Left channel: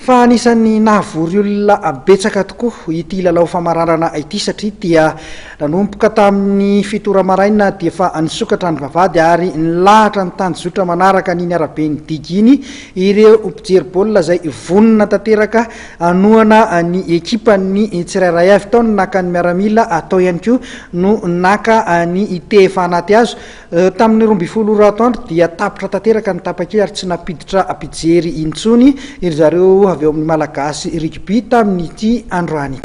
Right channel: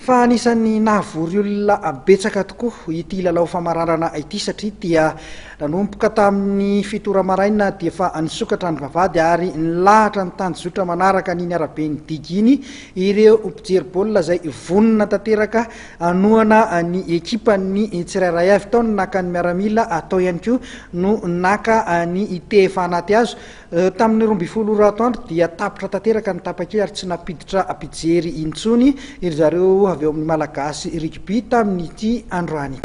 Fa anisan'ny nahavory olona betsaka tokoa ity lalao famararana ity satria dia nanomboka tamin'ny fito maraina dia fa nisokatra ny vavahady ary nilahatra ny tanjotra manaraka ny araben'ny diginy ireo mpijery baolina izay vonona tanteraka anohana ny ekipany tsirairay avy tao naka ny miaramila atao ihany koa no naka ny tefa anaty azo tamin'ny 12 atoandro dia tapitra tanteraka ny tapakely ary tsy napiditra mpijery intsony iry zareo avy eo amin'ny malagasy rugby tamin'ity androany.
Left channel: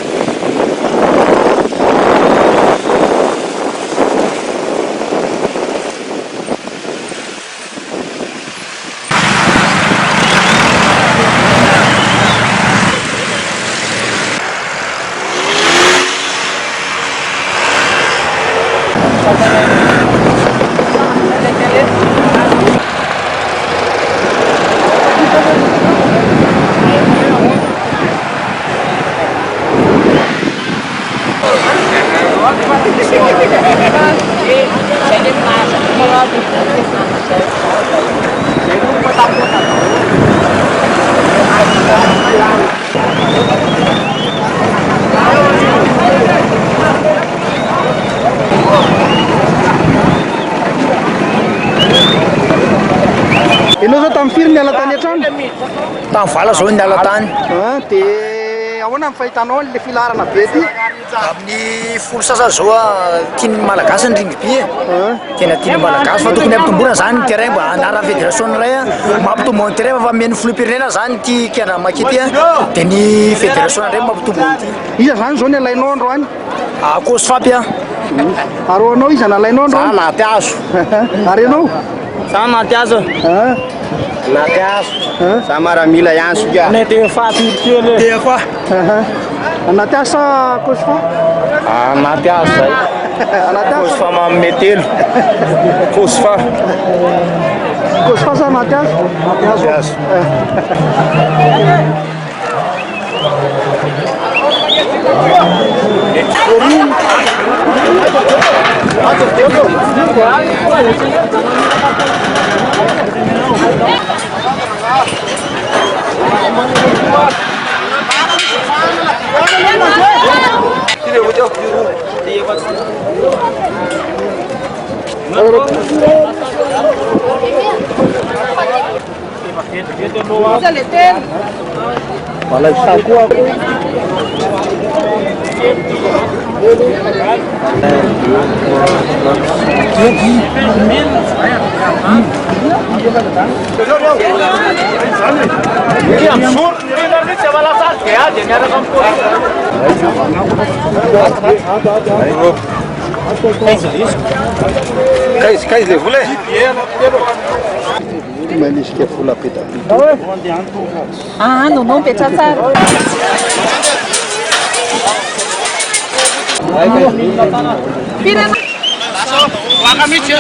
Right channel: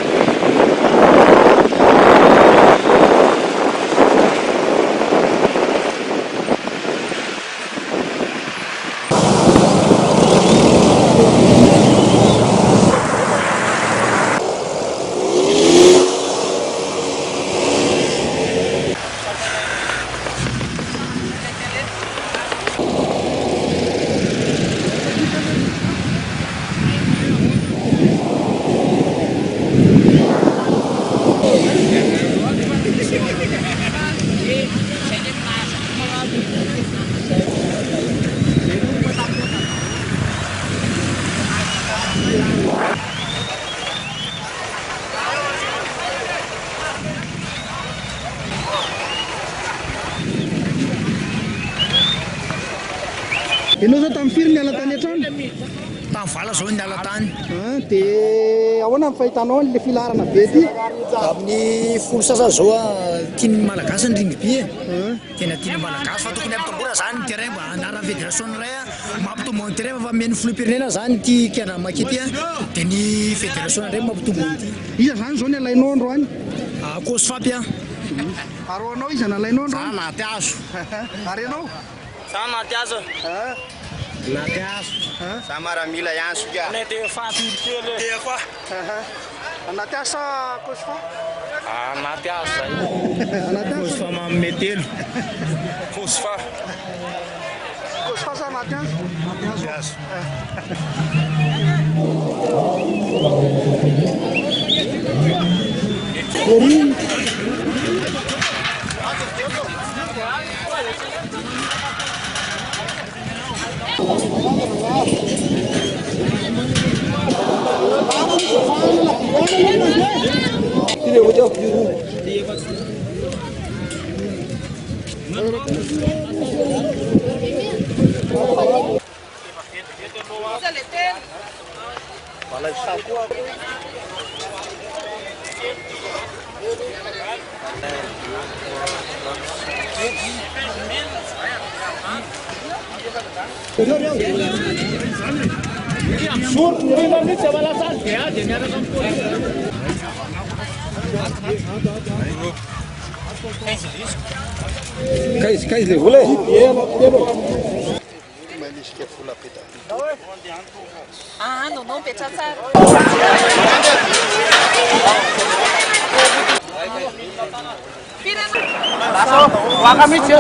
Ianao zao tamin'ny firy niala tany an-trano? Tamin'ny vala zao niala tany. Dia ahoana ny fahitanao le filarana be ty? Amin'ny folo sasa zao tian'ny malagasy ny rugby tena tian'ny malagasy fa tokony ampitomboana zany ny terrain mba anaran'ny fédération iray mampitombo ny terrain fa mihaino filoham-pirenena zany ty kiana makity dia ny fédération indray mampitombo ty. Iza zany zao ny alainao androany? Kosy fapy Ary anao iza nalainao androany? Za naty azo. Ary anao? Za naty azo. Naty azo. Za maramila ihany soka. Nety fapy kely. Tefa. Anaty asa kosy fa? Anaty azo zay. Anaty asa? Kosy fa mametelo. Kosy fa. Kosy fa sa anaty azo? Anaty azo. Wala saku ako. Que absurdo! Você vai lá atrás, era Kais le vule? Manisy ke vola peta. Non petra tsara. Waka mitsy